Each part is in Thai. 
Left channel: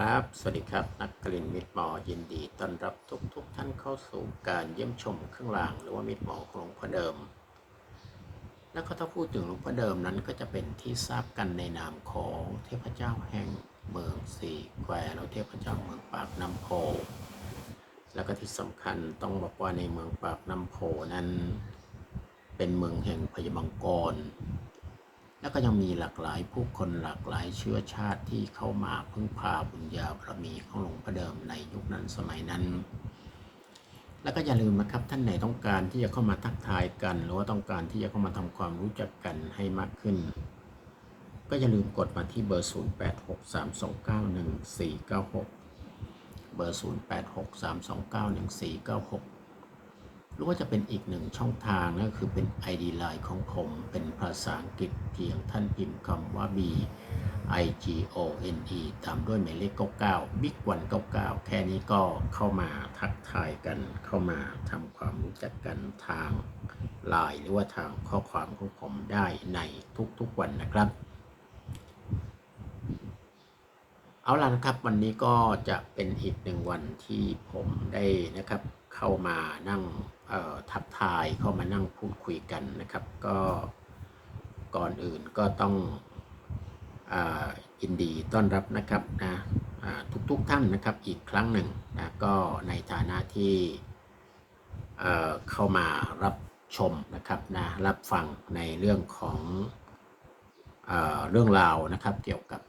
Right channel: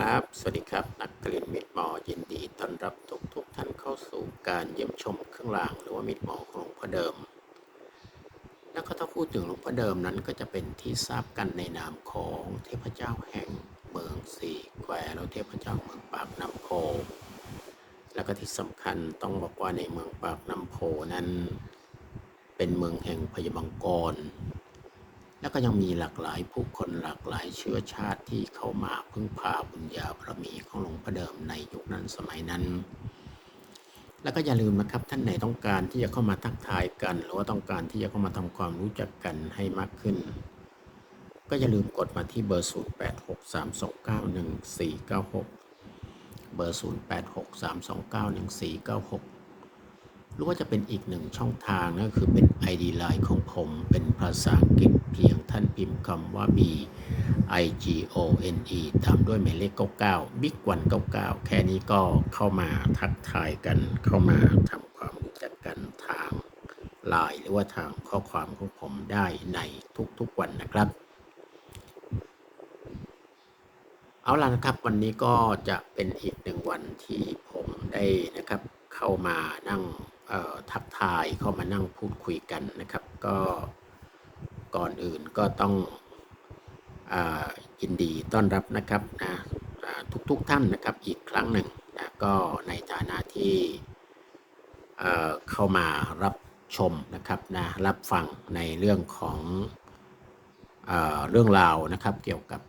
ครับ สวัสดีครับนักเรียนมิตรหมอยินดีต้อนรับทุกทุกๆท่านเข้าสู่การเยี่ยมชมเครื่องรางหรือว่ามิตรหมอของหลวงพ่อเดิม แล้วก็ถ้าพูดถึงหลวงพ่อเดิมนั้นก็จะเป็นที่ทราบกันในนามของเทพเจ้าแห่งเมืองสี่แควและเทพเจ้าเมืองปากน้ำโพแล้วก็ที่สำคัญต้องบอกว่าในเมืองปากน้ำโพนั้น เป็นเมืองแห่งพยามังกร แล้วก็ยังมีหลากหลายผู้คนหลากหลายเชื้อชาติที่เข้ามาพึ่งพาบุญญาบารมีของหลวงพ่อเดิมในยุคนั้นสมัยนั้น แล้วก็อย่าลืมนะครับท่านไหนต้องการที่จะเข้ามาทักทายกัน หรือว่าต้องการที่จะเข้ามาทำความรู้จักกันให้มากขึ้น ก็อย่าลืมกดมาที่เบอร์ 0863291496 เบอร์ 0863291496 หรือว่าจะเป็นอีกหนึ่งช่องทางนั่นก็คือเป็น ID Line ของผมเป็นภาษาอังกฤษเพียงท่านพิมพ์คำว่า B I G O N E ตามด้วยหมายเลข 99 Big 199 แค่นี้ก็เข้ามาทักทายกันเข้ามาทำความรู้จักกันทางไลน์หรือว่าทางข้อความของผมได้ในทุกๆวันนะครับ เอาล่ะนะครับ วันนี้ก็จะเป็นอีกหนึ่งวันที่ผมได้นะครับ เข้ามานั่งทักทายเข้ามานั่งพูดคุยกันนะครับ ก็ก่อนอื่นก็ต้องอยินดีต้อนรับนะครับนะอ่าทุกๆทท่านนะครับอีกครั้งหนึ่งนะก็ในฐานะที่เข้ามารับชมนะครับนะรับฟังในเรื่องของเอเรื่องราวนะครับเกี่ยวกับ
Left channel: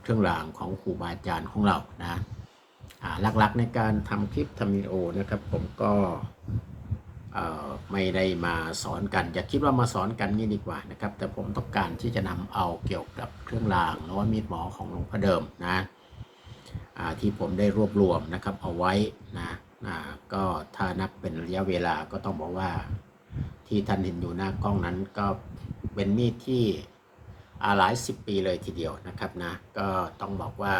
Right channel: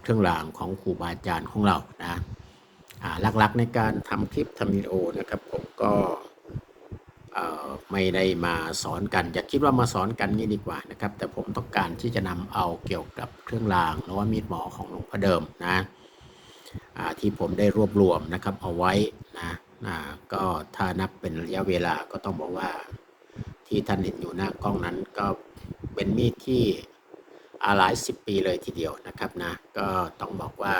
เครื่องรางของครูบาอาจารย์ของเรานะอ่า หลักๆในการทำคลิปทำวิดีโอนะครับ ผมก็ไม่ได้มาสอนกัน อย่าคิดว่ามาสอนกันนี่ดีกว่านะครับ แต่ผมต้องการที่จะนำเอาเกี่ยวกับเครื่องรางหรือว่ามีดหมอของหลวงพ่อเดิมนะที่ผมได้รวบรวมนะครับเอาไว้นะอ่าก็ถ้านับเป็นระยะเวลาก็ต้องบอกว่าที่ท่านเห็นอยู่หน้ากล้องนั้นก็เป็นมีดที่อาหลายสิบปีเลยทีเดียวนะครับนะก็ต้องบอกว่า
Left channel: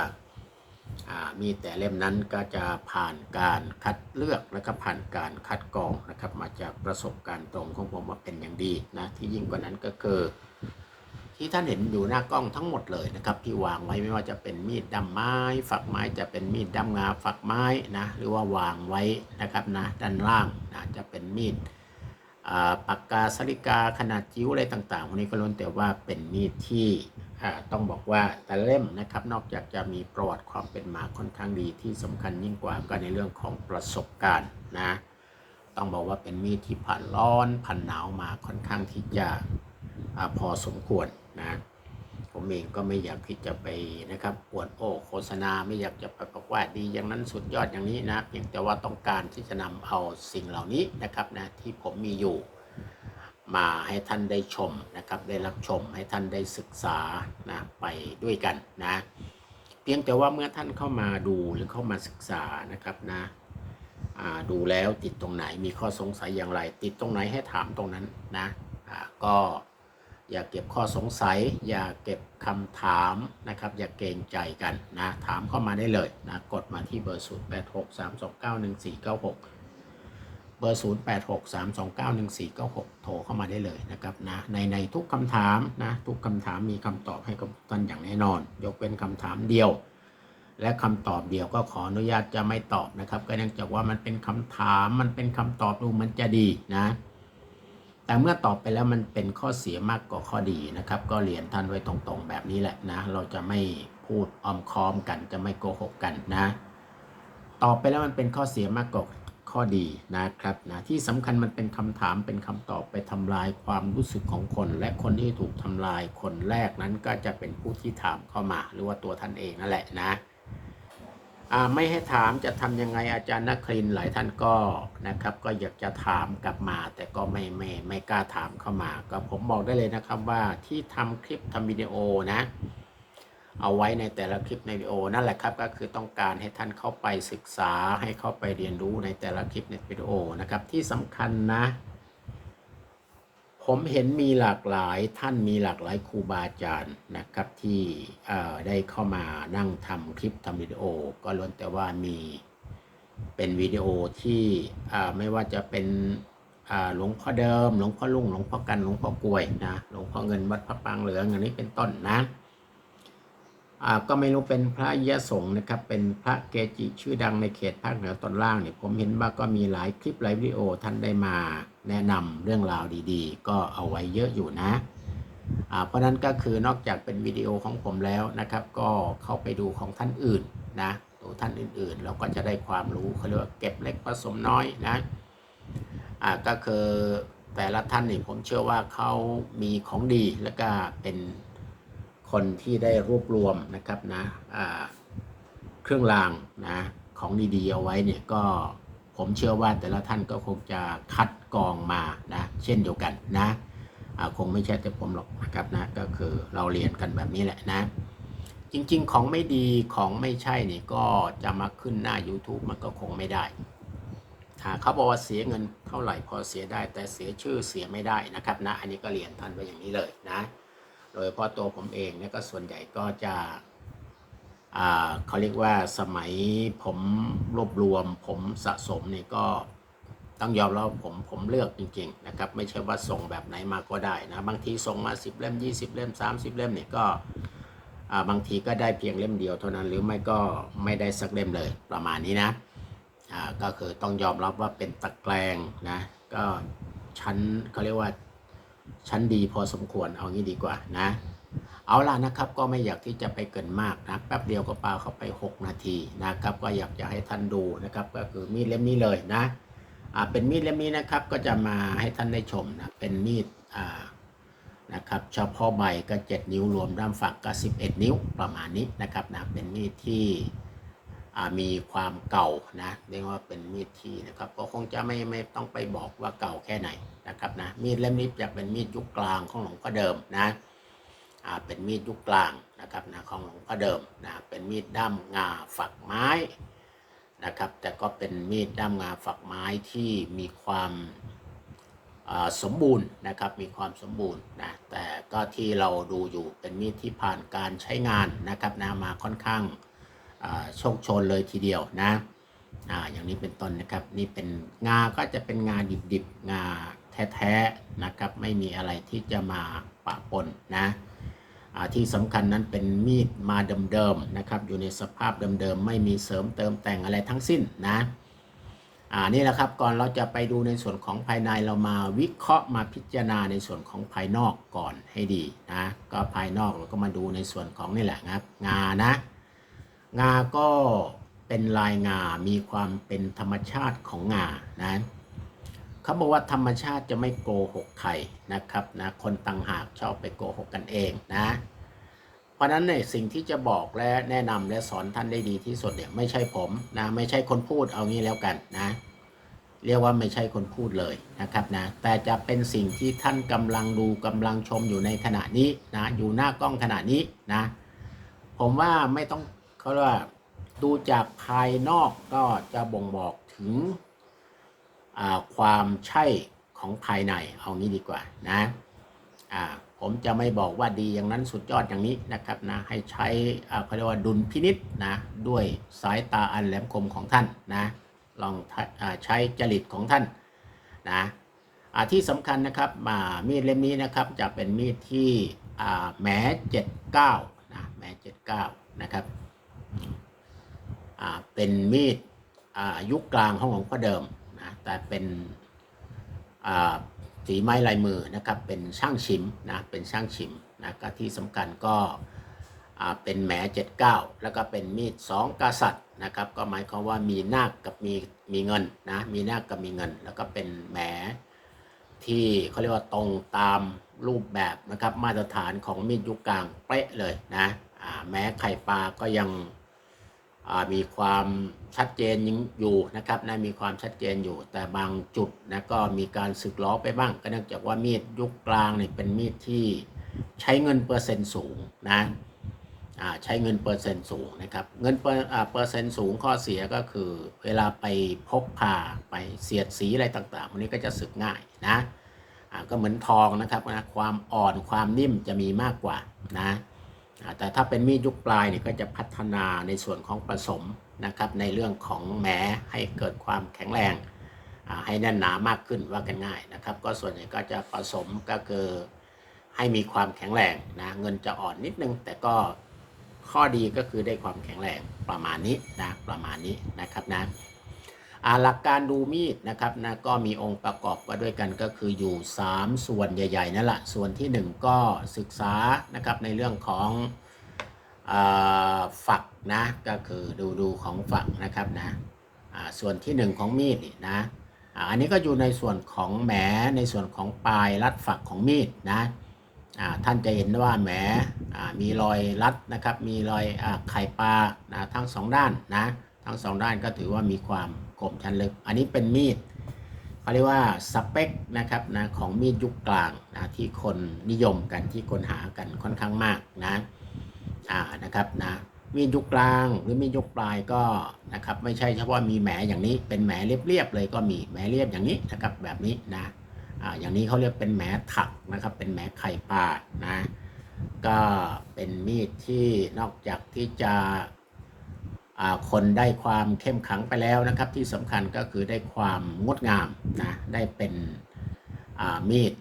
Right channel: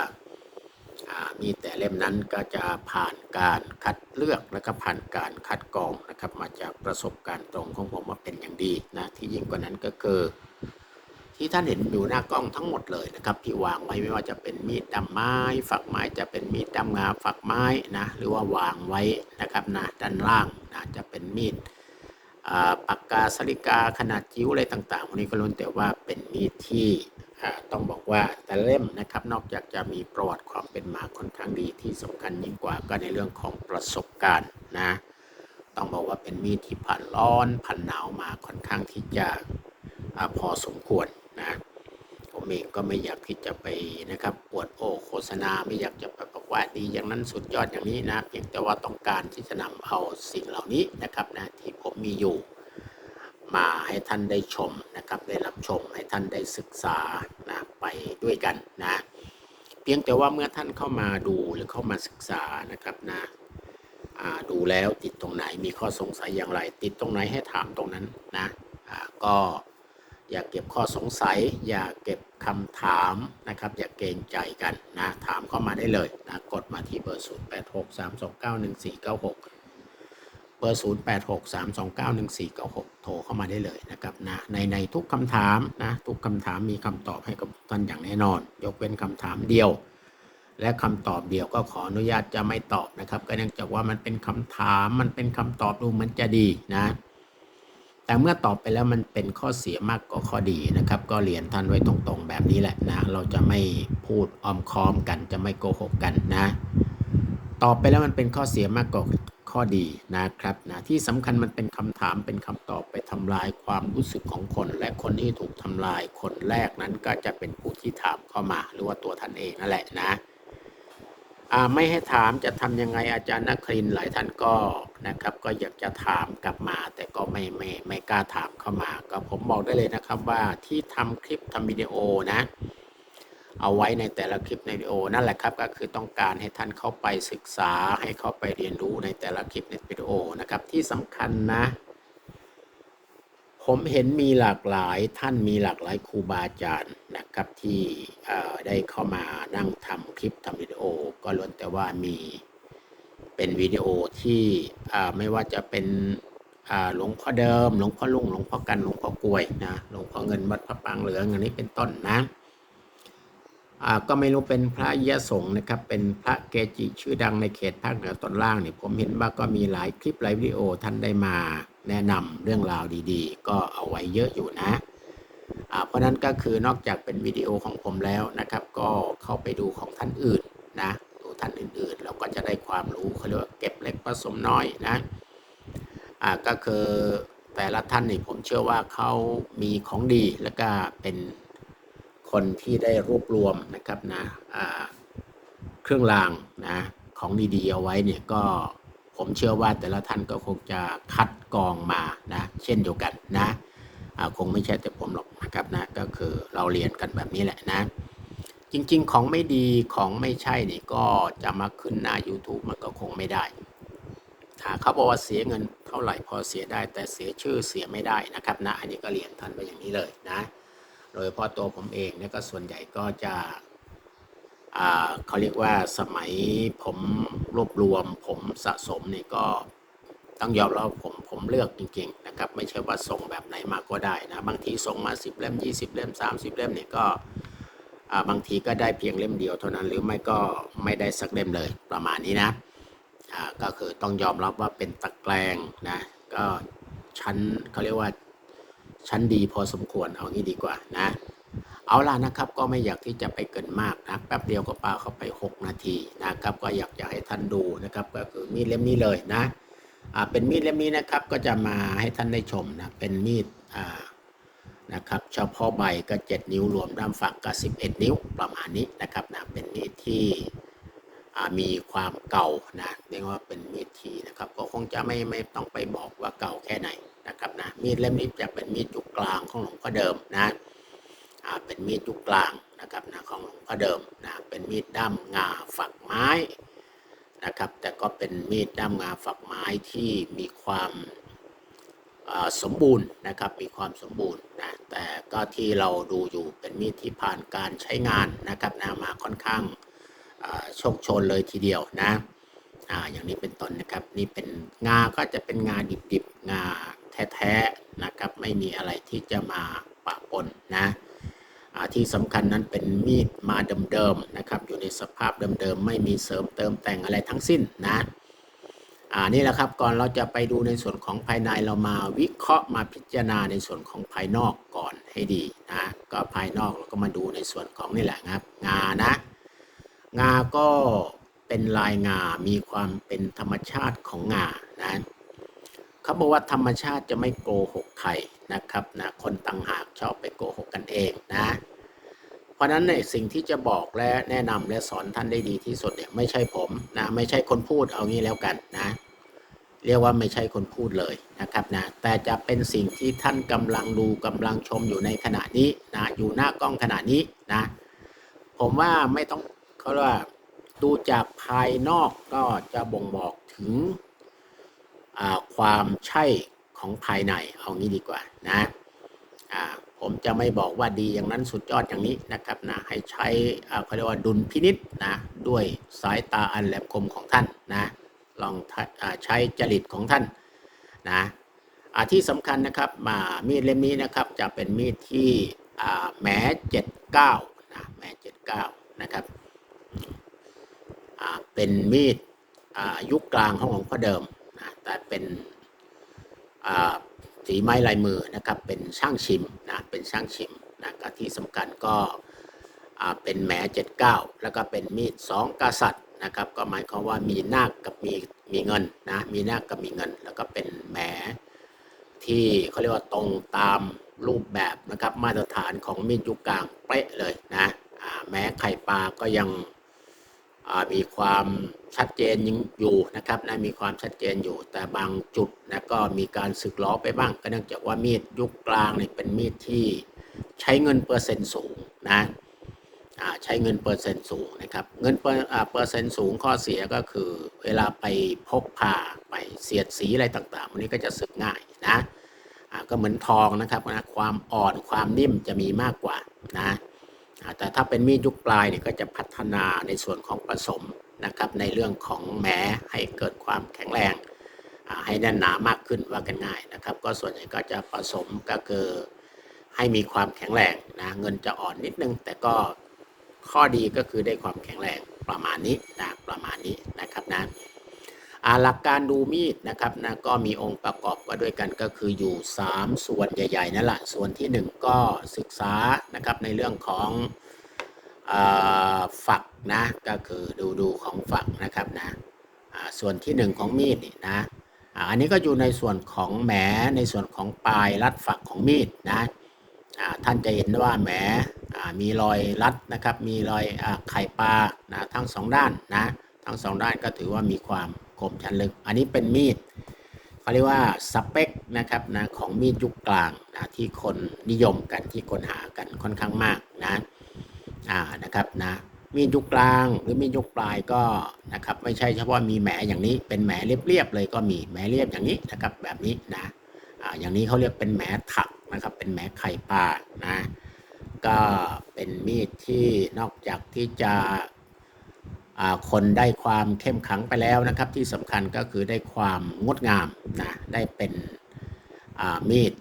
มีแต่เล่มนั้นก็จะผ่านการคัดเลือกและก็ผ่านการคัดกรองนะครับ มาจากประสบการณ์ตรงของผมว่าเป็นอย่างดีนะที่ยิ่งกว่านั้นก็คือ ที่ท่านเห็นอยู่หน้ากล้องทั้งหมดเลยนะครับ ที่วางไว้ไม่ว่าจะเป็นมีดดำไม้ ฝักไม้จะเป็นมีดดำงาฝักไม้นะหรือว่าวางไว้นะครับนะด้านล่างนะจะเป็นมีดปากกาสลิกาขนาดจิ๋วอะไรต่างๆพวกนี้ก็ล้วนแต่ว่าเป็นมีดที่ ต้องบอกว่าแต่เล่มนะครับนอกจากจะมีประวัติความเป็นมาค่อนข้างดีที่สำคัญยิ่งกว่าก็ในเรื่องของประสบการณ์นะต้องบอกว่าเป็นมีดที่ผ่านร้อนผ่านหนาวมาค่อนข้างที่จะอพอสมควรนะผมเองก็ไม่อยากที่จะไปนะครับปวดโอโฆษณาไม่อยากจะไปบอกว่าดีอย่างนั้นสุดยอดอย่างนี้นะเพียงแต่ว่าต้องการที่จะนำเอาสิ่งเหล่านี้นะครับนะที่ผมมีอยู่ มาให้ท่านได้ชมนะครับ ได้รับชมให้ท่านได้ศึกษานะไปด้วยกันนะ เพียงแต่ว่าเมื่อท่านเข้ามาดูหรือเข้ามาศึกษานะครับนะดูแล้วติดตรงไหนมีข้อสงสัยอย่างไร ติดตรงไหนให้ถามตรงนั้นนะก็อย่าเก็บข้อสงสัย อย่าเก็บคำถามนะครับ อย่าเกรงใจกันนะถามเข้ามาได้เลยนะกดมาที่เบอร์ 0 บอร์ 0 8 6 3 2 9 1 4 9 6 โทรเข้ามาได้เลยนะครับนะในในทุกคำถามนะทุกคำถามมีคำตอบให้กับท่านอย่างแน่นอน ยกเป็นคำถามเดียว และคำตอบเดียวก็ขออนุญาตจะไม่ตอบนะครับก็เนื่องจากว่ามันเป็นคำถามมันเป็นคำตอบดูมันจะดีนะ แต่เมื่อตอบไปแล้วมันเป็นข้อเสียมากกว่าข้อดีนะครับ ก็เรียนท่านไว้ตรงๆ แบบนี้แหละนะ เราจะไม่พูดอ้อมค้อมกัน จะไม่โกหกกันนะตอบไปแล้วมันเป็นข้อเสียมากกว่า ข้อดีนะครับนะที่สำคัญมันเป็นคำถามเป็นคำตอบไปทำลายความรู้สึกของคน และคนที่ถูกทำลายคนแรกนั้นก็จะเป็นผู้ที่ถามเข้ามา หรือว่าตัวท่านเองนั่นแหละนะไม่ให้ถามจะทำยังไงอาจารย์นักครินหลายท่านก็นะครับ ก็อยากจะถามกลับมา แต่ก็ไม่ไม่ไม่กล้าถามเข้ามา ก็ผมบอกได้เลยนะครับว่าที่ทำคลิปทำวิดีโอนะ เอาไว้ในแต่ละคลิปในวิดีโอนั่นแหละครับก็คือต้องการให้ท่านเข้าไปศึกษาให้เข้าไปเรียนรู้ในแต่ละคลิปในวิดีโอนะครับ ที่สำคัญนะ ผมเห็นมีหลากหลายท่านมีหลากหลายครูบาอาจารย์นะครับที่ได้เข้ามานั่งทำคลิปทำวิดีโอ ก็ล้วนแต่ว่ามีเป็นวิดีโอที่ไม่ว่าจะเป็นหลวงพ่อเดิม หลวงพ่อลุงหลวงพ่อกันหลวงพ่อกลวยนะหลวงพ่อเงินวัดพระปางเหลืองอันนี้เป็นต้นนะ ก็ไม่รู้เป็นพระยะสงฆ์นะครับ เป็นพระเกจิชื่อดังในเขตภาคเหนือตอนล่างเนี่ยผมเห็นว่าก็มีหลายคลิปหลายวิดีโอท่านได้มาแนะนำเรื่องราวดีๆ ก็เอาไว้เยอะอยู่นะเพราะนั้นก็คือนอกจากเป็นวิดีโอของผมแล้วนะครับ ก็เข้าไปดูของท่านอื่นนะดูท่านอื่นๆเราก็จะได้ความรู้เขาเรียกว่าเก็บเล็กผสมน้อยนะอ่าก็คือแต่ละท่านนี่ผมเชื่อว่าเขามีของดีแล้วก็เป็น คนที่ได้รวบรวมนะครับนะเครื่องรางนะของดีๆเอาไว้เนี่ยก็ผมเชื่อว่าแต่ละท่านก็คงจะคัดกรองมานะเช่นเดียวกันนะคงไม่ใช่แต่ผมหรอกนะครับนะก็คือเราเรียนกันแบบนี้แหละนะ จริง ๆ ของไม่ดีของไม่ใช่เนี่ยก็จะมาขึ้นหน้า YouTube มันก็คงไม่ได้ถ้าเขาบอกว่าเสียเงินเท่าไหร่พอเสียได้ แต่เสียชื่อเสียไม่ได้นะครับนะ อันนี้ก็เรียนท่านไปอย่างนี้เลยนะ โดยเฉพาะตัวผมเองเนี่ยก็ส่วนใหญ่ก็จะเขาเรียกว่าสมัยผมรวบรวมผมสะสมเนี่ยก็ต้องยอมรับผมผมเลือกจริงๆนะครับ ไม่ใช่ว่าส่งแบบไหนมาก็ได้นะ บางทีส่งมา 10 เล่ม 20 เล่ม 30 เล่มเนี่ยก็บางทีก็ได้เพียงเล่มเดียวเท่านั้น หรือไม่ก็ไม่ได้สักเล่มเลยประมาณนี้นะก็คือต้องยอมรับว่าเป็นตะแกรงนะก็ชั้นเขาเรียกว่า ชั้นดีพอสมควรเอางี้ดีกว่านะ เอาล่ะนะครับก็ไม่อยากที่จะไปเกินมากนะแป๊บเดียวก็ปาเข้าไป 6 นาทีนะครับ ก็อยากจะให้ท่านดูนะครับ ก็คือมีดเล่มนี้เลยนะอ่าเป็นมีดเล่มนี้นะครับก็จะมาให้ท่านได้ชมนะเป็นมีดอ่านะครับเฉพาะใบก็ 7 นิ้วรวมด้ามฝักก็ 11 นิ้วประมาณนี้นะครับนะเป็นมีดที่อ่ามีความเก่านะเรียกว่าเป็นมีดที่นะครับ ก็คงจะไม่ไม่ต้องไปบอกว่าเก่าแค่ไหน นะครับนะมีดเล่มนี้จะเป็นมีดยุคกลางของหลวงพ่อเดิมนะเป็นมีดยุคกลางนะครับนะของหลวงพ่อเดิมนะเป็นมีดด้ามงาฝักไม้นะครับ แต่ก็เป็นมีดด้ามงาฝักไม้ที่มีความสมบูรณ์นะครับมีความสมบูรณ์นะแต่ก็ที่เราดูอยู่เป็นมีดที่ผ่านการใช้งานนะครับนะมาค่อนข้างโชคชนเลยทีเดียวนะอ่าอย่างนี้เป็นต้นนะครับนี่เป็นงาก็จะเป็นงาดิบๆงา แท้ๆนะครับ ไม่มีอะไรที่จะมาปะปนนะที่สำคัญนั้นเป็นมีดมาเดิมๆนะครับ อยู่ในสภาพเดิมๆไม่มีเสริมเติมแต่งอะไรทั้งสิ้นนะอ่านี่แหละครับก่อนเราจะไปดูในส่วนของภายในเรามาวิเคราะห์มาพิจารณาในส่วนของภายนอกก่อนให้ดีนะก็ภายนอกเราก็มาดูในส่วนของนี่แหละนะครับงานะงาก็เป็นลายงา มีความเป็นธรรมชาติของงานะ เขาบอกว่าธรรมชาติจะไม่โกหกใครนะครับนะคนต่างหากชอบไปโกหกกันเองนะ เพราะฉะนั้นเนี่ยสิ่งที่จะบอกและแนะนำและสอนท่านได้ดีที่สุดเนี่ยไม่ใช่ผมนะไม่ใช่คนพูดเอางี้แล้วกันนะ เรียกว่าไม่ใช่คนพูดเลยนะครับนะแต่จะเป็นสิ่งที่ท่านกำลังดูกำลังชมอยู่ในขณะนี้นะอยู่หน้ากล้องขณะนี้นะ ผมว่าไม่ต้องเขาเรียกว่าดูจากภายนอกก็จะบ่งบอกถึง ความใช่ของภายในเอางี้ดีกว่านะผมจะไม่บอกว่าดีอย่างนั้นสุดยอดอย่างนี้นะครับนะให้ใช้เขาเรียกว่าดุลพินิษนะด้วยสายตาอันแหลมคมของท่านนะลองอใช้จริตของท่านนะที่สำคัญนะครับมามีดเล่มนี้นะครับจะเป็นมีดที่อ่าแหม79นะแหม79นะครับเป็นมีดยุคกลางของหลวงพ่อเดิม แต่เป็นฝีไม้ลายมือนะครับ เป็นช่างชิมนะ เป็นช่างชิมนะก็ที่สำคัญก็เป็นแหม79 แล้วก็เป็นมีดสองกษัตริย์นะครับ ก็หมายความว่ามีนาคกับมีมีเงินนะ มีนาคกับมีเงิน แล้วก็เป็นแหมที่เขาเรียกว่าตรงตามรูปแบบนะครับ มาตรฐานของมีดยุคกลางเป๊ะเลยนะแม้ไข่ปลาก็ยัง มีความชัดเจนอยู่นะครับนะมีความชัดเจนอยู่ แต่บางจุดนะก็มีการสึกล้อไปบ้าง ก็เนื่องจากว่ามีดยุคกลางเนี่ยเป็นมีดที่ใช้เงินเปอร์เซ็นต์สูงนะใช้เงินเปอร์เซ็นต์สูงนะครับ เงินเปอร์เปอร์เซ็นต์สูงข้อเสียก็คือ เวลาไปพกพาไปเสียดสีอะไรต่างๆ วันนี้ก็จะสึกง่ายนะก็เหมือนทองนะครับนะความอ่อนความนิ่มจะมีมากกว่านะ แต่ถ้าเป็นมีดยุคปลายเนี่ยก็จะพัฒนาในส่วนของผสมนะครับในเรื่องของแหมให้เกิดความแข็งแรง ให้แน่นหนามากขึ้นว่ากันง่ายนะครับ ก็ส่วนใหญ่ก็จะผสมก็คือให้มีความแข็งแรงนะเงินจะอ่อนนิดนึง แต่ก็ข้อดีก็คือได้ความแข็งแรงประมาณนี้นะประมาณนี้นะครับนะ หลักการดูมีดนะครับนะก็มีองค์ประกอบก็ด้วยกันก็คืออยู่ 3 ส่วนใหญ่ๆนั่นแหละส่วนที่ 1 ก็ศึกษานะครับในเรื่องของฝักนะก็คือดูดูของฝักนะครับนะส่วนที่ 1 ของมีดนี่นะอันนี้ก็อยู่ในส่วนของแหมในส่วนของปลายรัดฝักของมีดนะท่านจะเห็นว่าแหมมีรอยรัดนะครับมีรอยอไข่ปลานะทั้งสองด้านนะ ทั้งสองด้านก็ถือว่ามีความคมชันลึก อันนี้เป็นมีดเขาเรียกว่าสเปคนะครับนะของมีดยุคกลางนะที่คนนิยมกันที่คนหากันค่อนข้างมากนะอ่านะครับนะมีดยุคกลางหรือมีดยุคปลายก็นะครับไม่ใช่เฉพาะมีแหมอย่างนี้เป็นแหมเรียบๆเลยก็มีแหมเรียบอย่างนี้นะครับแบบนี้นะอ่าอย่างนี้เขาเรียกเป็นแหมถักนะครับเป็นแหมไข่ปลานะก็เป็นมีดที่นอกจากที่จะ คนได้ความเข้มขังไปแล้วนะครับ ที่สำคัญก็คือได้ความงดงามนะได้เป็นมีด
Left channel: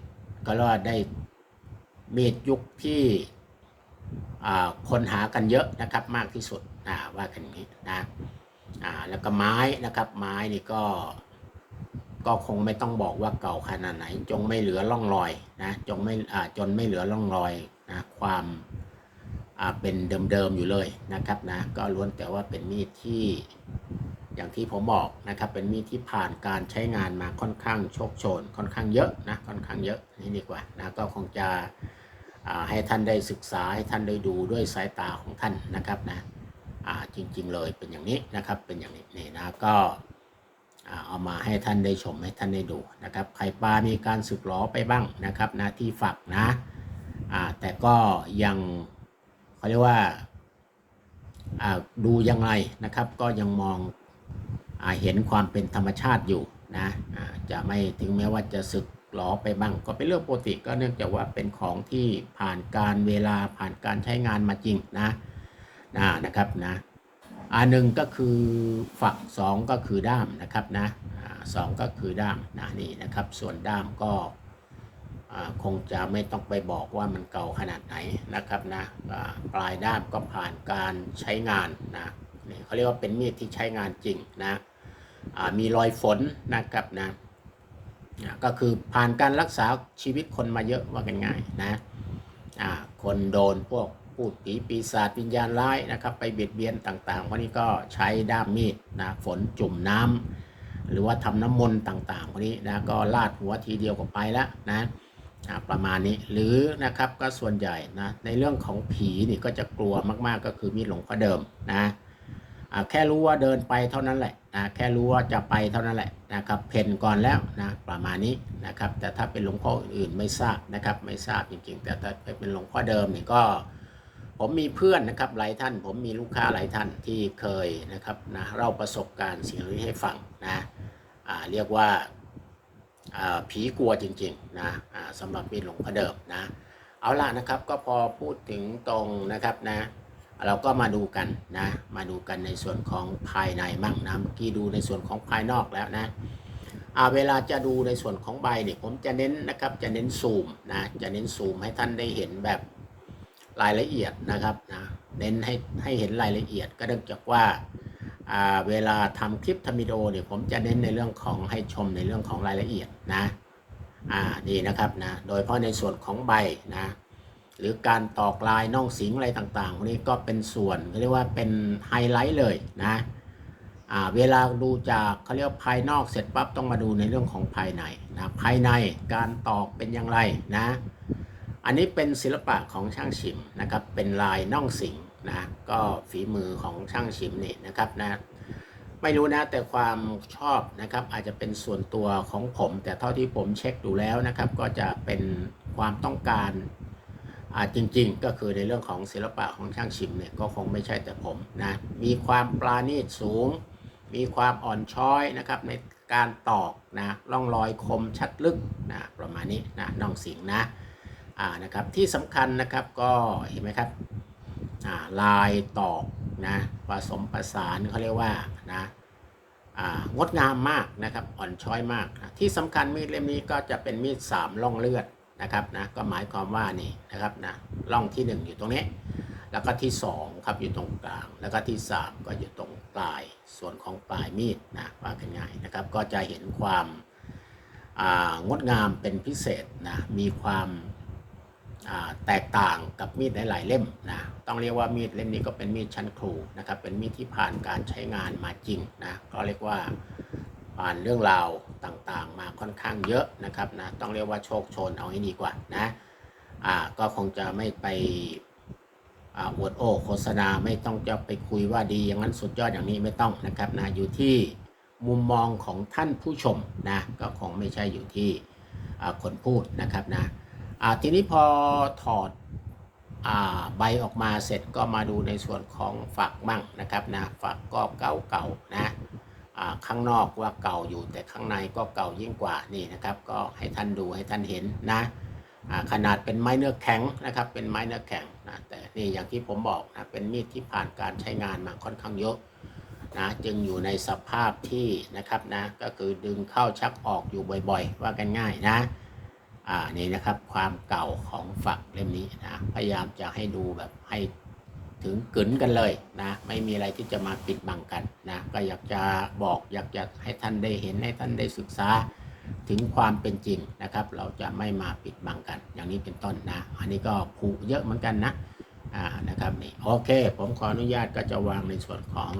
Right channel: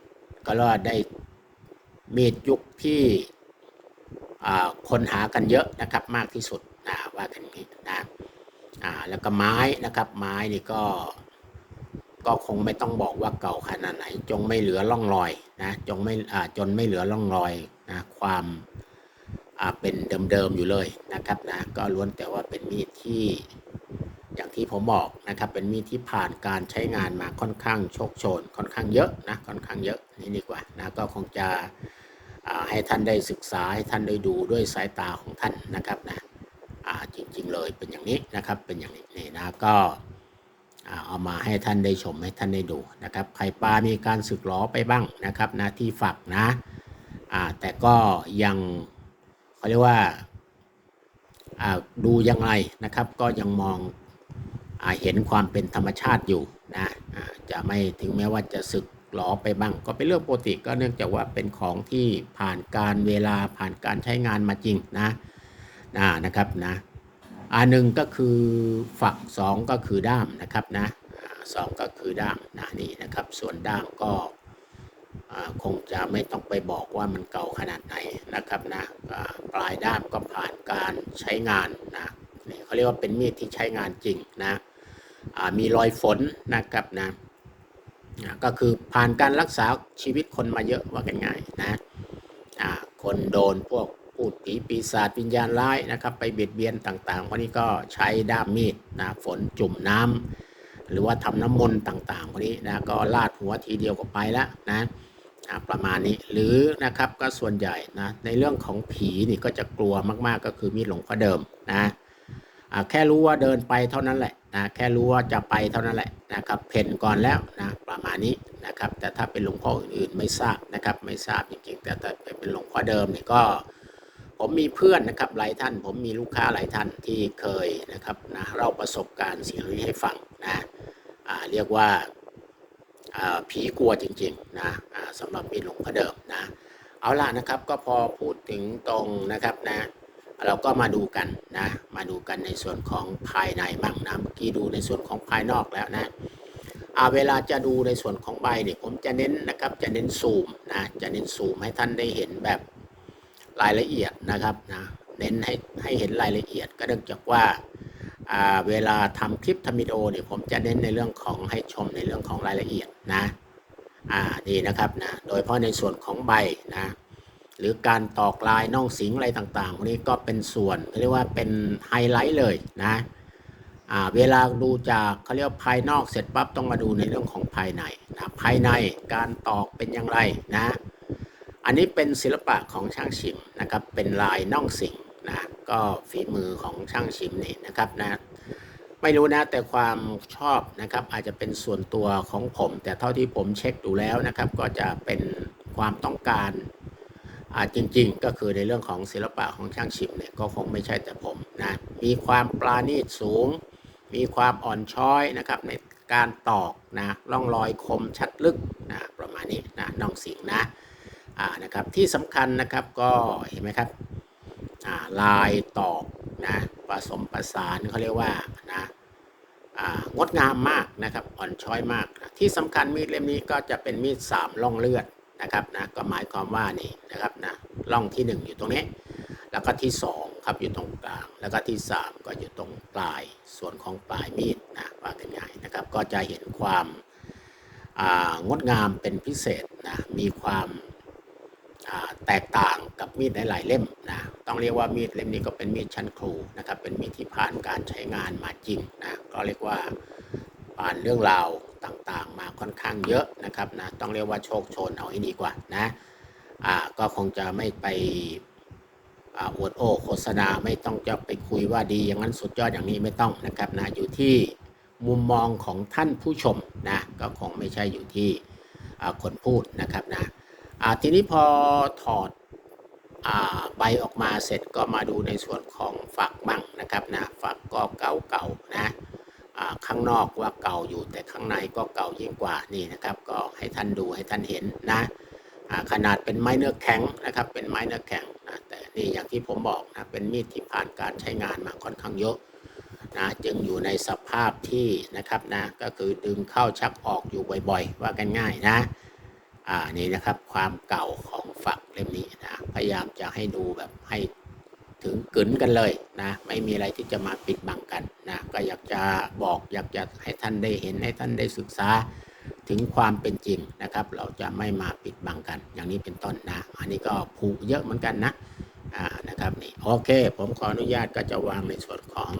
ก็รียกว่าได้มีดยุคที่คนหากันเยอะนะครับมากที่สุดนะว่ากันอย่างนี้นะแล้วก็ไม้นะครับไม้นี่ก็ก็คงไม่ต้องบอกว่าเก่าขนาดไหน จงไม่เหลือร่องรอยนะจงไม่จนไม่เหลือร่องรอยนะความ เป็นเดิมๆอยู่เลยนะครับนะก็ล้วนแต่ว่าเป็นมีดที่อย่างที่ผมบอกนะครับ เป็นมีดที่ผ่านการใช้งานมาค่อนข้างโชคโชน ค่อนข้างเยอะนะค่อนข้างเยอะนี่ดีกว่านะก็คงจะให้ท่านได้ศึกษาให้ท่านได้ดูด้วยสายตาของท่านนะครับนะจริงๆเลยเป็นอย่างนี้นะครับเป็นอย่างนี้นี่นะก็เอามาให้ท่านได้ชมให้ท่านได้ดูนะครับไข่ปลามีการสึกหลอไปบ้างนะครับนะที่ฝักนะแต่ก็ยัง เขาเรียกว่าดูยังไงนะครับ ก็ยังมองอเห็นความเป็นธรรมชาติอยู่นะจะไม่ถึงแม้ว่าจะสึกหลอไปบ้าง ก็เป็นเรื่องปกติก็เนื่องจากว่าเป็นของที่ผ่านการเวลาผ่านการใช้งานมาจริงนะนะนะครับนะอันหนึ่งก็คือฝักสองก็คือด้ามนะครับนะสองก็คือด้ามนะนี่นะครับ ส่วนด้ามก็ คงจะไม่ต้องไปบอกว่ามันเก่าขนาดไหนนะครับนะปลายด้ามก็ผ่านการใช้งานนะนเขาเรียกว่าเป็นมีดที่ใช้งานจริงนะมีรอยฝนนะครับนะก็คือผ่านการรักษาชีวิตคนมาเยอะว่ากันง่ายนะคนโดนพวกพูดผีปีศาจวิญญาณร้ายนะครับไปเบียดเบียนต่างๆพวกนี้ก็ใช้ด้ามมีดนะฝนจุ่มน้ำหรือว่าทำน้ำมนต์ต่างๆพวกนี้นะก็ลาดหัวทีเดียวก็ไปแล้วนะ ประมาณนี้หรือนะครับก็ส่วนใหญ่นะในเรื่องของผีนี่ก็จะกลัวมากๆก็คือมีหลงพ่อเดิมนะแค่รู้ว่าเดินไปเท่านั้นแหละนะแค่รู้ว่าจะไปเท่านั้นแหละนะครับเพ่นก่อนแล้วนะประมาณนี้นะครับ แต่ถ้าเป็นหลวงพ่ออื่นๆไม่ทราบนะครับ ไม่ทราบจริงๆแต่ถ้าเป็นหลวงพ่อเดิมนี่ก็ ผมมีเพื่อนนะครับหลายท่าน ผมมีลูกค้าหลายท่านที่เคยนะครับนะเล่าประสบการณ์สิ่งนี้ให้ฟังนะเรียกว่า ผีกลัวจริงๆนะสำหรับมีดหลวงพ่อเดิมนะ เอาล่ะนะครับก็พอพูดถึงตรงนะครับนะเราก็มาดูกันนะมาดูกันในส่วนของภายในมั่งนะเมื่อกี้ดูในส่วนของภายนอกแล้วนะอ่าเวลาจะดูในส่วนของใบเนี่ยผมจะเน้นนะครับจะเน้นซูมนะจะเน้นซูมให้ท่านได้เห็นแบบรายละเอียดนะครับนะเน้นให้ให้เห็นรายละเอียดก็เนื่องจากว่า เวลาทำคลิปทำวิดีโอเนี่ยผมจะเน้นในเรื่องของให้ชมในเรื่องของรายละเอียดนะอ่านี่นะครับนะโดยเฉพาะในส่วนของใบนะหรือการตอกลายน่องสิงอะไรต่างๆพวกนี้ก็เป็นส่วนเรียกว่าเป็นไฮไลท์เลยนะอ่าเวลาดูจากเขาเรียกภายนอกเสร็จปั๊บต้องมาดูในเรื่องของภายในนะภายในการตอกเป็นอย่างไรนะอันนี้เป็นศิลปะของช่างชิมนะครับเป็นลายน่องสิง นะก็ฝีมือของช่างชิมเนี่ยนะครับนะไม่รู้นะแต่ความชอบนะครับอาจจะเป็นส่วนตัวของผม แต่เท่าที่ผมเช็คดูแล้วนะครับ ก็จะเป็นความต้องการอาจริงๆ ก็คือในเรื่องของศิลปะของช่างชิมเนี่ยก็คงไม่ใช่แต่ผมนะมีความปราณีตสูง มีความอ่อนช้อยนะครับในการตอกนะร่องรอยคมชัดลึกนะประมาณนี้นะน่องสิงนะอ่านะครับที่สำคัญนะครับก็เห็นไหมครับ ลายตอกนะผสมประสานเขาเรียกว่านะงดงามมากนะครับอ่อนช้อยมากนะที่สำคัญมีดเล่มนี้ก็จะเป็นมีดสามร่องเลือดนะครับนะก็หมายความว่านี่นะครับนะร่องที่หนึ่งอยู่ตรงนี้ แล้วก็ที่สองครับอยู่ตรงกลาง แล้วก็ที่สามก็อยู่ตรงปลายส่วนของปลายมีดนะว่ากันง่ายนะครับก็จะเห็นความางดงามเป็นพิเศษนะมีความ แตกต่างกับมีดหลายๆเล่มนะต้องเรียกว่ามีดเล่มนี้ก็เป็นมีดชั้นครูนะครับเป็นมีดที่ผ่านการใช้งานมาจริงนะก็เรียกว่าผ่านเรื่องราวต่างๆ มาค่อนข้างเยอะนะครับนะต้องเรียกว่าโชคชนเอาให้ดีกว่านะอ่าก็คงจะไม่ไปอวดโอ้โฆษณาไม่ต้องจะไปคุยว่าดีอย่างนั้นสุดยอดอย่างนี้ไม่ต้องนะครับนะอยู่ที่มุมมองของท่านผู้ชมนะก็คงไม่ใช่อยู่ที่คนพูดนะครับนะ อ่าทีนี้พอถอดอาใบออกมาเสร็จก็มาดูในส่วนของฝักบ้างนะครับนะฝักก็เก่าๆนะอ่าข้างนอกว่าเก่าอยู่แต่ข้างในก็เก่ายิ่งกว่านี่นะครับ ก็ให้ท่านดูให้ท่านเห็นนะขนาดเป็นไม้เนื้อแข็งนะครับ เป็นไม้เนื้อแข็งนะแต่นี่อย่างที่ผมบอกนะเป็นมีดที่ผ่านการใช้งานมาค่อนข้างเยอะนะจึงอยู่ในสภาพที่นะครับนะก็คือดึงเข้าชักออกอยู่บ่อยๆ ว่ากันง่ายนะ อ่านี่นะครับความเก่าของฝักเล่มนี้นะพยายามจะให้ดูแบบให้ถึงกึนกันเลยนะ ไม่มีอะไรที่จะมาปิดบังกันนะก็อยากจะบอกอยากจะให้ท่านได้เห็นให้ท่านได้ศึกษาถึงความเป็นจริงนะครับ เราจะไม่มาปิดบังกัน อย่างนี้เป็นต้นนะ อันนี้ก็ผูกเยอะเหมือนกันนะอ่านะครับนี่โอเค ผมขออนุญาตก็จะวางในส่วนของ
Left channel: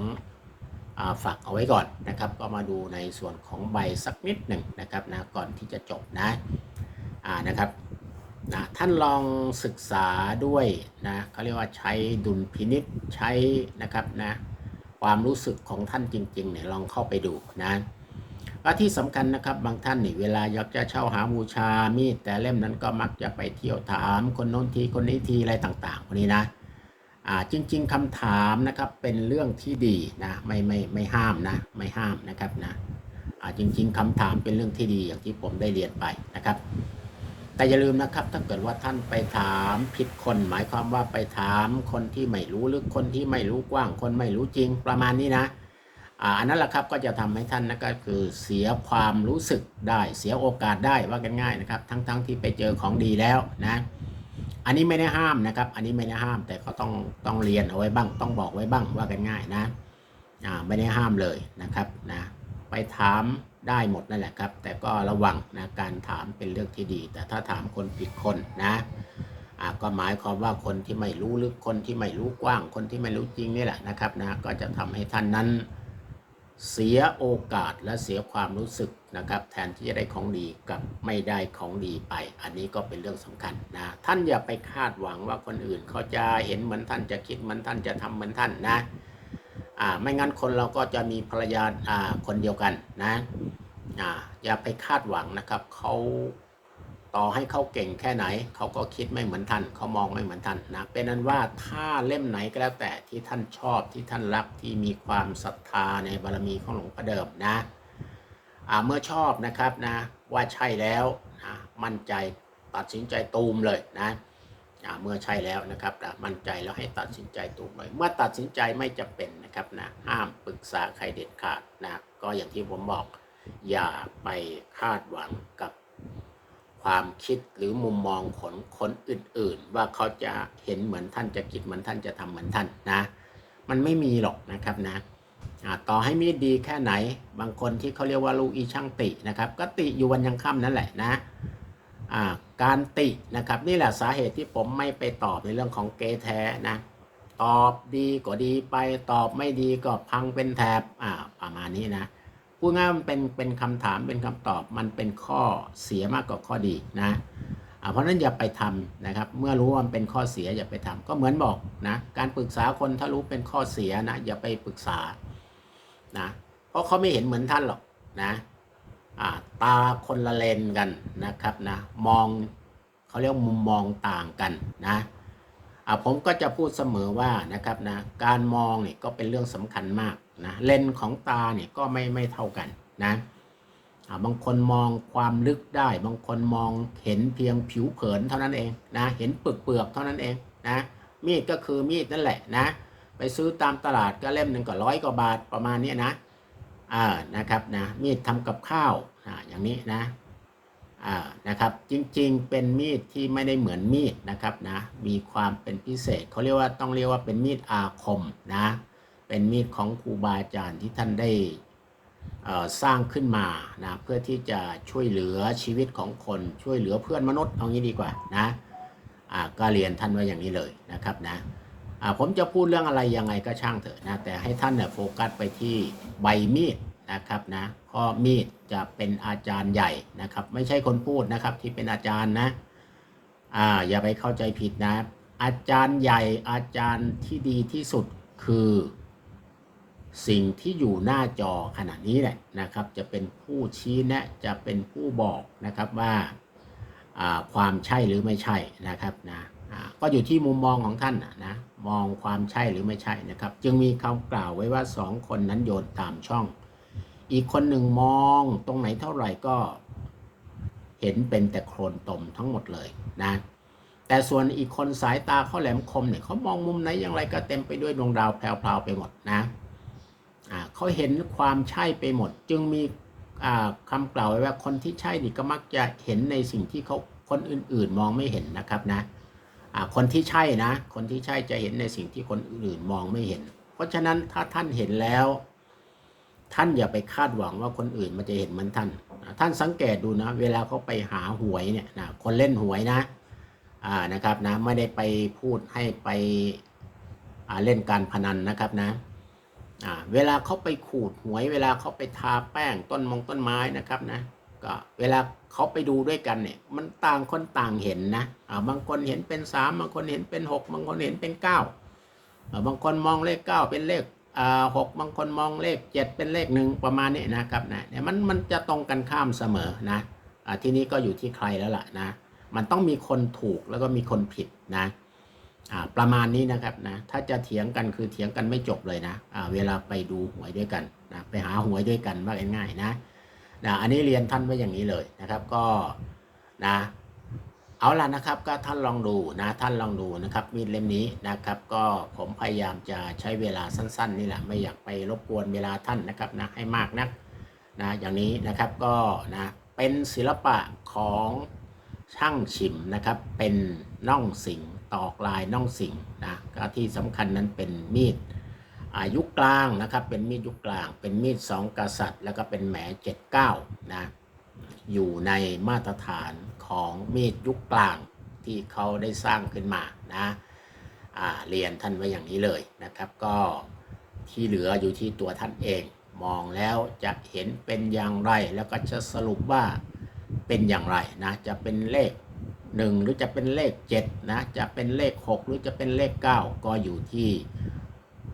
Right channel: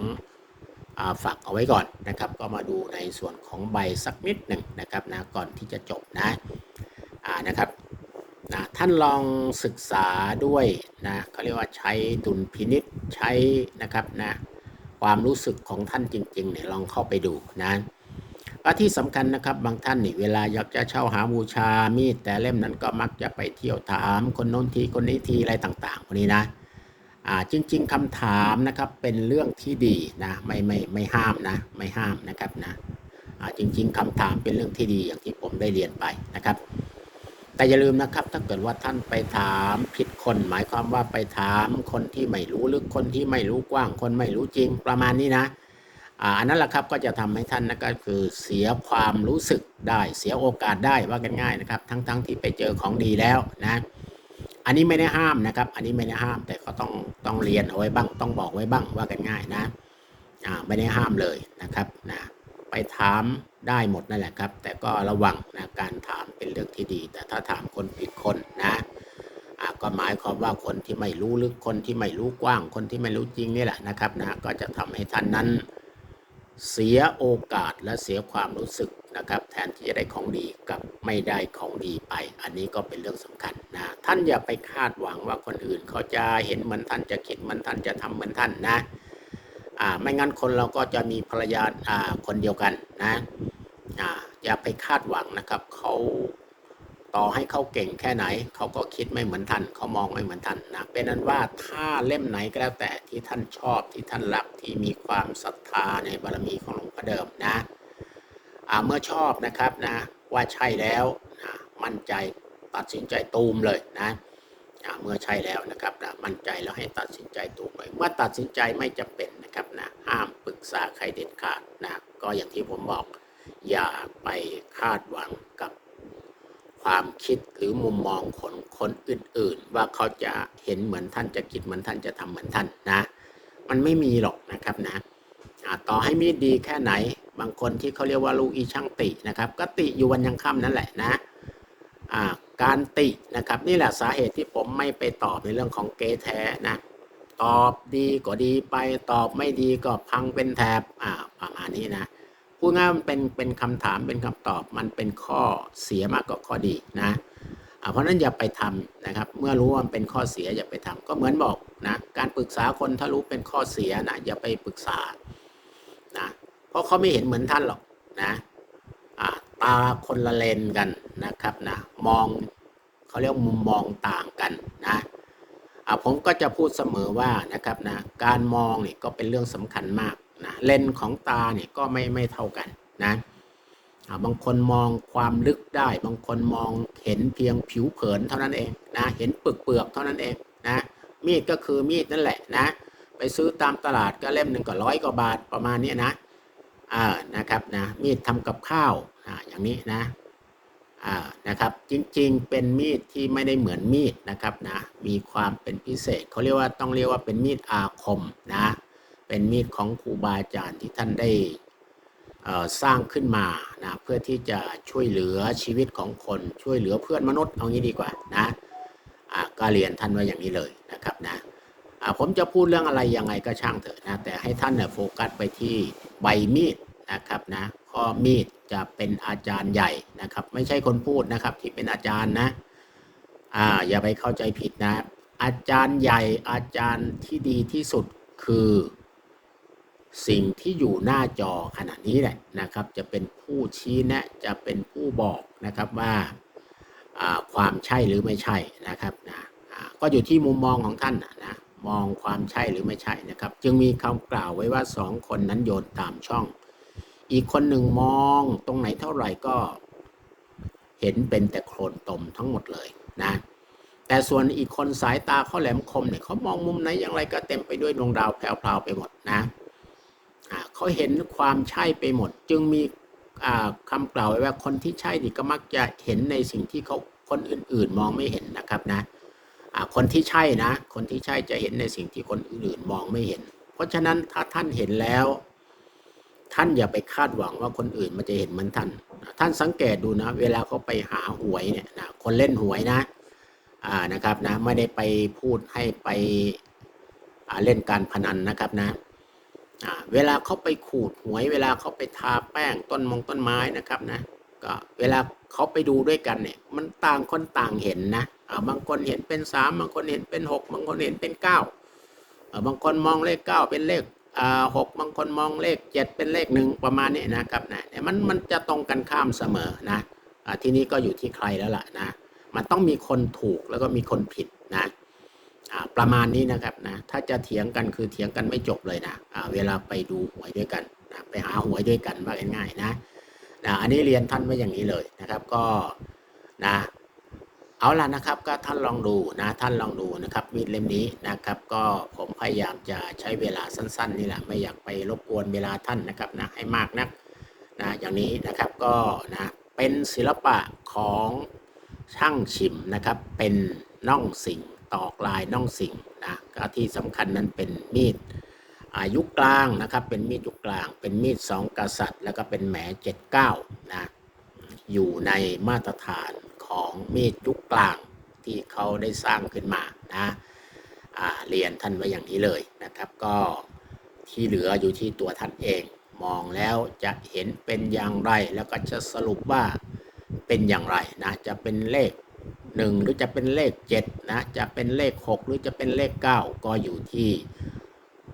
อฝักเอาไว้ก่อนนะครับ ก็มาดูในส่วนของใบสักนิดหนึ่งนะครับนะก่อนที่จะจบนะ นะครับนะท่านลองศึกษาด้วยนะเขาเรียกว่าใช้ดุลพินิษใช้นะครับนะความรู้สึกของท่านจริงๆเนี่ยลองเข้าไปดูนะและที่สำคัญนะครับบางท่านนี่เวลาอยากจะเช่าหาบูชามีดแต่เล่มนั้นก็มักจะไปเที่ยวถามคนโน้นทีคนนี้ทีอะไรต่างๆพวกนี้นะอ่าจริง ๆคำถามนะครับเป็นเรื่องที่ดีนะไม่ไม่ไม่ห้ามนะไม่ห้ามนะครับนะอ่าจริง ๆคำถามเป็นเรื่องที่ดีอย่างที่ผมได้เรียนไปนะครับ แต่อย่าลืมนะครับ ถ้าเกิดว่าท่านไปถามผิดคน หมายความว่าไปถามคนที่ไม่รู้ลึกคนที่ไม่รู้กว้าง คนไม่รู้จริงประมาณนี้นะอันนั้นแหละครับก็จะทำให้ท่านนะก็คือเสียความรู้สึกได้ เสียโอกาสได้ว่ากันง่ายนะครับ ทั้งๆทที่ไปเจอของดีแล้วนะ อันนี้ไม่ได้ห้ามนะครับ อันนี้ไม่ได้ห้ามแต่ก็ต้องต้องเรียนเอาไว้บ้าง ต้องบอกไว้บ้างว่ากันง่ายนะอ่าไม่ได้ห้ามเลยนะครับนะ ไปถามได้หมดนั่นแหละครับ แต่ก็ระวังนะการถามเป็นเรื่องที่ดี แต่ถ้าถามคนผิดคนนะก็หมายความว่าคนที่ไม่รู้ลึกคนที่ไม่รู้กว้าง คนที่ไม่รู้จริงนี่แหละนะครับนะก็จะทำให้ท่านนั้นเสียโอกาสและเสียความรู้สึกนะครับ แทนที่จะได้ของดีกับไม่ได้ของดีไป อันนี้ก็เป็นเรื่องสำคัญนะท่านอย่าไปคาดหวังว่าคนอื่นเขาจะเห็นเหมือนท่านจะคิดเหมือนท่านจะทำเหมือนท่านนะ อ่าไม่งั้นคนเราก็จะมีภรรยาอ่าคนเดียวกันนะอ่าอย่าไปคาดหวังนะครับเขาต่อให้เขาเก่งแค่ไหนเขาก็คิดไม่เหมือนท่านเขามองไม่เหมือนท่านนะเป็นนั้นว่าถ้าเล่มไหนก็แล้วแต่ที่ท่านชอบที่ท่านรักที่มีความศรัทธาในบารมีของหลวงพ่อเดิมนะเมื่อชอบนะครับนะว่าใช่แล้วนะมั่นใจตัดสินใจตูมเลยนะ เมื่อใช่แล้วนะครับนะมั่นใจแล้วให้ตัดสินใจตูมเลยเมื่อตัดสินใจไม่จำเป็นนะครับนะห้ามปรึกษาใครเด็ดขาดนะก็อย่างที่ผมบอก อย่าไปคาดหวังกับความคิดหรือมุมมองของคนอื่นๆ ว่าเขาจะเห็นเหมือนท่านจะคิดเหมือนท่านจะทำเหมือนท่านนะ มันไม่มีหรอกนะครับนะต่อให้มีดีแค่ไหน บางคนที่เขาเรียกว่าลูกอีช่างตินะครับ ก็ติอยู่วันยังค่ำนั่นแหละนะอ่า การตินะครับ นี่แหละสาเหตุที่ผมไม่ไปตอบในเรื่องของเกแท้นะตอบดีก็ดีไปตอบไม่ดีก็พังเป็นแถบอ่าประมาณนี้นะพูดง่ายมันเป็นเป็นคำถามเป็นคำตอบมันเป็นข้อเสียมากกว่าข้อดีนะเพราะนั้นอย่าไปทำนะครับ เมื่อรู้ว่ามันเป็นข้อเสียอย่าไปทำก็เหมือนบอกนะการปรึกษาคนถ้ารู้เป็นข้อเสียนะอย่าไปปรึกษานะเพราะเขาไม่เห็นเหมือนท่านหรอกนะอ่า ตาคนละเลนกันนะครับนะมองเขาเรียกมุมมองต่างกันนะอ่าผมก็จะพูดเสมอว่านะครับนะการมองเนี่ยก็เป็นเรื่องสำคัญมากนะเลนของตาเนี่ยก็ไม่ไม่เท่ากันนะบางคนมองความลึกได้ บางคนมองเห็นเพียงผิวเผินเท่านั้นเองนะเห็นเปลือกเปลือกเท่านั้นเองนะมีดก็คือมีดนั่นแหละนะ ไปซื้อตามตลาดก็เล่มหนึ่งก็ร้อยกว่าบาทประมาณนี้นะ อ่านะครับนะมีดทำกับข้าวอ่าอย่างนี้นะอ่านะครับจริงๆเป็นมีดที่ไม่ได้เหมือนมีดนะครับนะมีความเป็นพิเศษเขาเรียกว่าต้องเรียกว่าเป็นมีดอาคมนะเป็นมีดของครูบาอาจารย์ที่ท่านได้สร้างขึ้นมานะเพื่อที่จะช่วยเหลือชีวิตของคนช่วยเหลือเพื่อนมนุษย์เอางี้ดีกว่านะอ่าก็เรียนท่านไว้อย่างนี้เลยนะครับนะ ผมจะพูดเรื่องอะไรยังไงก็ช่างเถอะนะแต่ให้ท่านเนี่ยโฟกัสไปที่ใบมีดนะครับนะข้อมีดจะเป็นอาจารย์ใหญ่นะครับ ไม่ใช่คนพูดนะครับที่เป็นอาจารย์นะอ่าอย่าไปเข้าใจผิดนะ อาจารย์ใหญ่อาจารย์ที่ดีที่สุดคือสิ่งที่อยู่หน้าจอขณะนี้แหละนะครับ จะเป็นผู้ชี้แนะจะเป็นผู้บอกนะครับว่าความใช่หรือไม่ใช่นะครับนะก็อยู่ที่มุมมองของท่านนะ มองความใช่หรือไม่ใช่นะครับ จึงมีคำกล่าวไว้ว่าสองคนนั้นโยนตามช่อง อีกคนหนึ่งมองตรงไหนเท่าไหร่ก็เห็นเป็นแต่โคลนตมทั้งหมดเลยนะ แต่ส่วนอีกคนสายตาเขาแหลมคมเนี่ยเขามองมุมไหนอย่างไรก็เต็มไปด้วยดวงดาวแพรวๆไปหมดนะเขาเห็นความใช่ไปหมด จึงมีอ่าคำกล่าวไว้ว่าคนที่ใช่นี่ก็มักจะเห็นในสิ่งที่เขาคนอื่นๆ มองไม่เห็นนะครับนะ คนที่ใช่นะ คนที่ใช่จะเห็นในสิ่งที่คนอื่นมองไม่เห็น เพราะฉะนั้นถ้าท่านเห็นแล้ว ท่านอย่าไปคาดหวังว่าคนอื่นมันจะเห็นเหมือนท่าน ท่านสังเกตดูนะ เวลาเขาไปหาหวยเนี่ยนะคนเล่นหวยนะอ่านะครับนะไม่ได้ไปพูดให้ไปเล่นการพนันนะครับนะเวลาเขาไปขูดหวย เวลาเขาไปทาแป้งต้นมงต้นไม้นะครับนะ ก็เวลาเขาไปดูด้วยกันเนี่ย มันต่างคนต่างเห็นนะบางคนเห็นเป็นสามบางคนเห็นเป็นหกบางคนเห็นเป็นเก้าบางคนมองเลขเก้าเป็นเลขหกบางคนมองเลขเจ็ดเป็นเลขหนึ่งประมาณนี้นะครับนะี่ยมันมันจะตรงกันข้ามเสมอนะอทีนี้ก็อยู่ที่ใครแล้วล่ะนะมันต้องมีคนถูกแล้วก็มีคนผิดนะประมาณนี้นะครับนะถ้าจะเถียงกันคือเถียงกันไม่จบเลยนะเวลาไปดูหวยด้วยกันนะไปหาหวยด้วยกันว่าง่ายๆนะ นะอันนี้เรียนท่านไว้อย่างนี้เลยนะครับ ก็นะเอาล่ะนะครับก็ท่านลองดูนะท่านลองดูนะครับมีดเล่มนี้นะครับ ก็ผมพยายามจะใช้เวลาสั้น ๆ นี่แหละไม่อยากไปรบกวนเวลาท่านนะครับนะให้มากนักนะอย่างนี้นะครับก็นะเป็นศิลปะของช่างฉิมนะครับ เป็นน่องสิงตอกลายน่องสิงนะก็ที่สำคัญนั้นเป็นมีด อายุกลางนะครับเป็นมีดยุคกลาง เป็นมีดสองกษัตริย์ แล้วก็เป็นแหมเจ็ดเก้านะอยู่ในมาตรฐานของมีดยุคกลางที่เขาได้สร้างขึ้นมานะเรียนท่านไว้อย่างนี้เลยนะครับ ก็ที่เหลืออยู่ที่ตัวท่านเอง มองแล้วจะเห็นเป็นอย่างไร แล้วก็จะสรุปว่าเป็นอย่างไรนะจะเป็นเลข 1 หรือจะเป็นเลข7นะจะเป็นเลข 6 หรือจะเป็นเลข 9 ก็อยู่ที่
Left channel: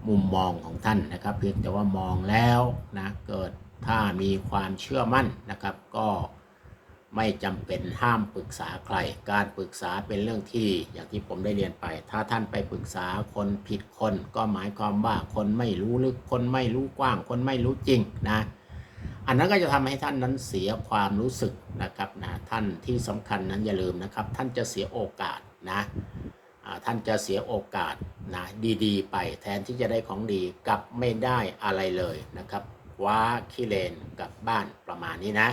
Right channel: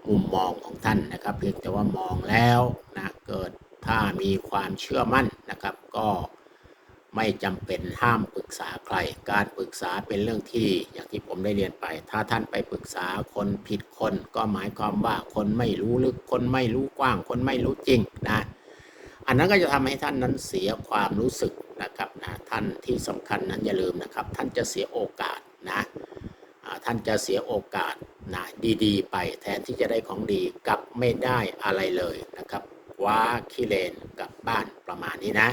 มุมมองของท่านนะครับ เพียงแต่ว่ามองแล้วนะเกิดถ้ามีความเชื่อมั่นนะครับ ก็ไม่จำเป็นห้ามปรึกษาใคร การปรึกษาเป็นเรื่องที่อย่างที่ผมได้เรียนไป ถ้าท่านไปปรึกษาคนผิดคน ก็หมายความว่าคนไม่รู้ลึกคนไม่รู้กว้าง คนไม่รู้จริงนะอันนั้นก็จะทำให้ท่านนั้นเสียความรู้สึกนะครับนะท่านที่สำคัญนั้นอย่าลืมนะครับ ท่านจะเสียโอกาสนะ ท่านจะเสียโอกาสนะดีๆ ไปแทนที่จะได้ของดีกลับไม่ได้อะไรเลยนะครับว่าขี้เลนกลับบ้านประมาณนี้นะ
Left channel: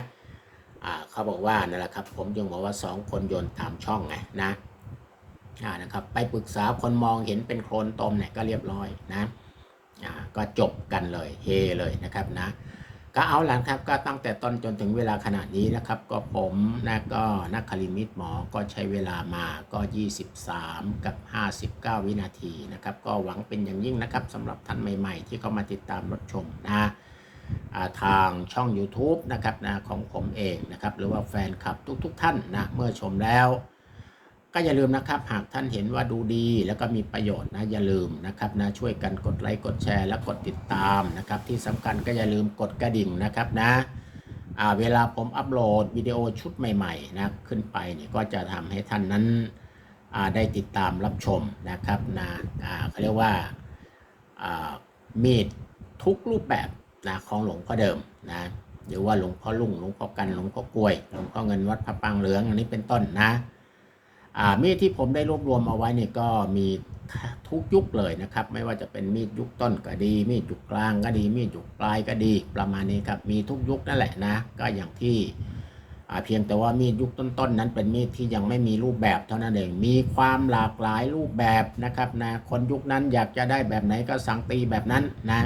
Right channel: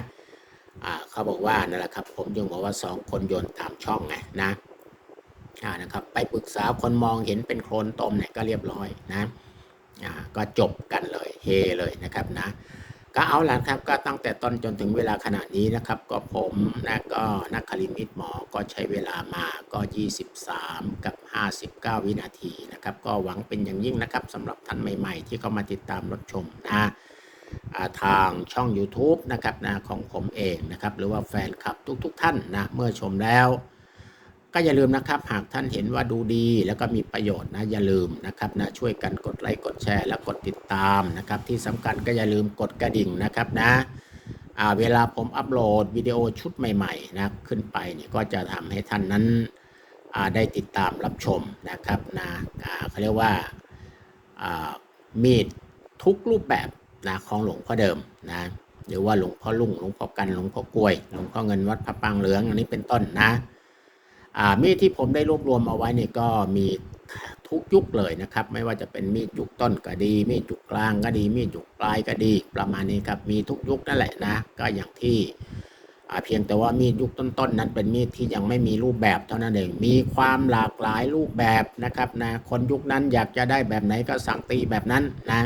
เขาบอกว่านั่นแหละครับ ผมจึงบอกว่าสองคนโยนตามช่องไงนะนะครับไปปรึกษาคนมองเห็นเป็นโคลนตมเนี่ยก็เรียบร้อยนะก็จบกันเลยเฮเลยนะครับนะ ก็เอาละครับก็ตั้งแต่ต้นจนถึงเวลาขณะนี้นะครับ ก็ผมนะก็นักคลินิตหมอก็ใช้เวลามาก็ 23 กับ 59 วินาทีนะครับ ก็หวังเป็นอย่างยิ่งนะครับสำหรับท่านใหม่ ๆ ที่เข้ามาติดตามรับชมนะทางช่อง YouTube นะครับนะของผมเองนะครับ หรือว่าแฟนคลับทุก ๆ ท่านนะเมื่อชมแล้ว ก็อย่าลืมนะครับ หากท่านเห็นว่าดูดี แล้วก็มีประโยชน์นะอย่าลืมนะครับนะช่วยกันกดไลค์กดแชร์ และกดติดตามนะครับ ที่สำคัญก็อย่าลืมกดกระดิ่งนะครับนะอ่าเวลาผมอัปโหลดวิดีโอชุดใหม่ๆนะขึ้นไปเนี่ยก็จะทำให้ท่านนั้นอ่าได้ติดตามรับชมนะครับนะอ่าเขาเรียกว่าอ่ามีดทุกรูปแบบนะของหลวงพ่อเดิมนะหรือว่าหลวงพ่อลุ่งหลวงพ่อกันหลวงพ่อกล้วยหลวงพ่อเงินวัดพระปางเหลืองอันนี้เป็นต้นนะ มีดที่ผมได้รวบรวมเอาไว้เนี่ยก็มีทุกยุคเลยนะครับ ไม่ว่าจะเป็นมีดยุคต้นก็ดี มีดยุคกลางก็ดี มีดยุคปลายก็ดี ประมาณนี้ครับ มีทุกยุคนั่นแหละนะ ก็อย่างที่เพียงแต่ว่ามีดยุคต้นๆนั้นเป็นมีดที่ยังไม่มีรูปแบบเท่านั้นเอง มีความหลากหลายรูปแบบนะครับนะ คนยุคนั้นอยากจะได้แบบไหนก็สั่งตีแบบนั้นนะ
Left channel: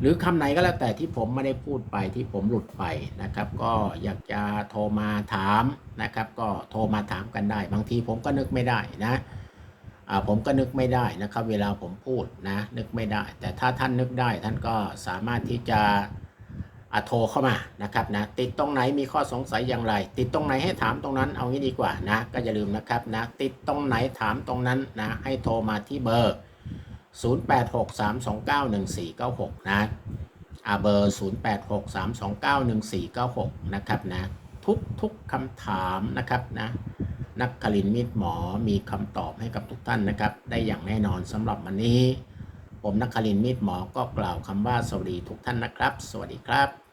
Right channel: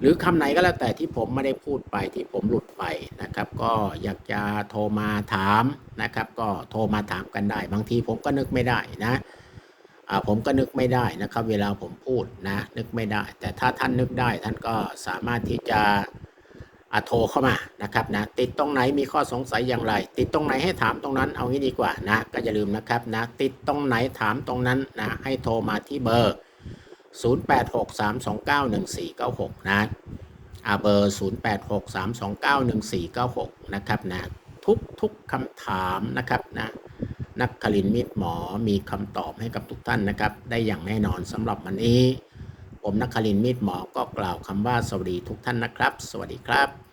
หรือคำไหนก็แล้วแต่ที่ผมไม่ได้พูดไปที่ผมหลุดไปนะครับ ก็อยากจะโทรมาถามนะครับ ก็โทรมาถามกันได้ บางทีผมก็นึกไม่ได้นะผมก็นึกไม่ได้นะครับ เวลาผมพูดนะนึกไม่ได้ แต่ถ้าท่านนึกได้ท่านก็สามารถที่จะโทรเข้ามานะครับนะติดตรงไหนมีข้อสงสัยอย่างไร ติดตรงไหนให้ถามตรงนั้นเอางี้ดีกว่านะก็อย่าลืมนะครับนะติดตรงไหนถามตรงนั้นนะให้โทรมาที่เบอร์ 0863291496 นะอาเบอร์ 0863291496 นะครับนะ ทุกทุกคำถามนะครับนะนักคลินมิตรหมอมีคำตอบให้กับทุกท่านนะครับ ได้อย่างแน่นอนสำหรับวันนี้ ผมนักคลินมิตรหมอก็กล่าวคำว่าสวัสดีทุกท่านนะครับ สวัสดีครับ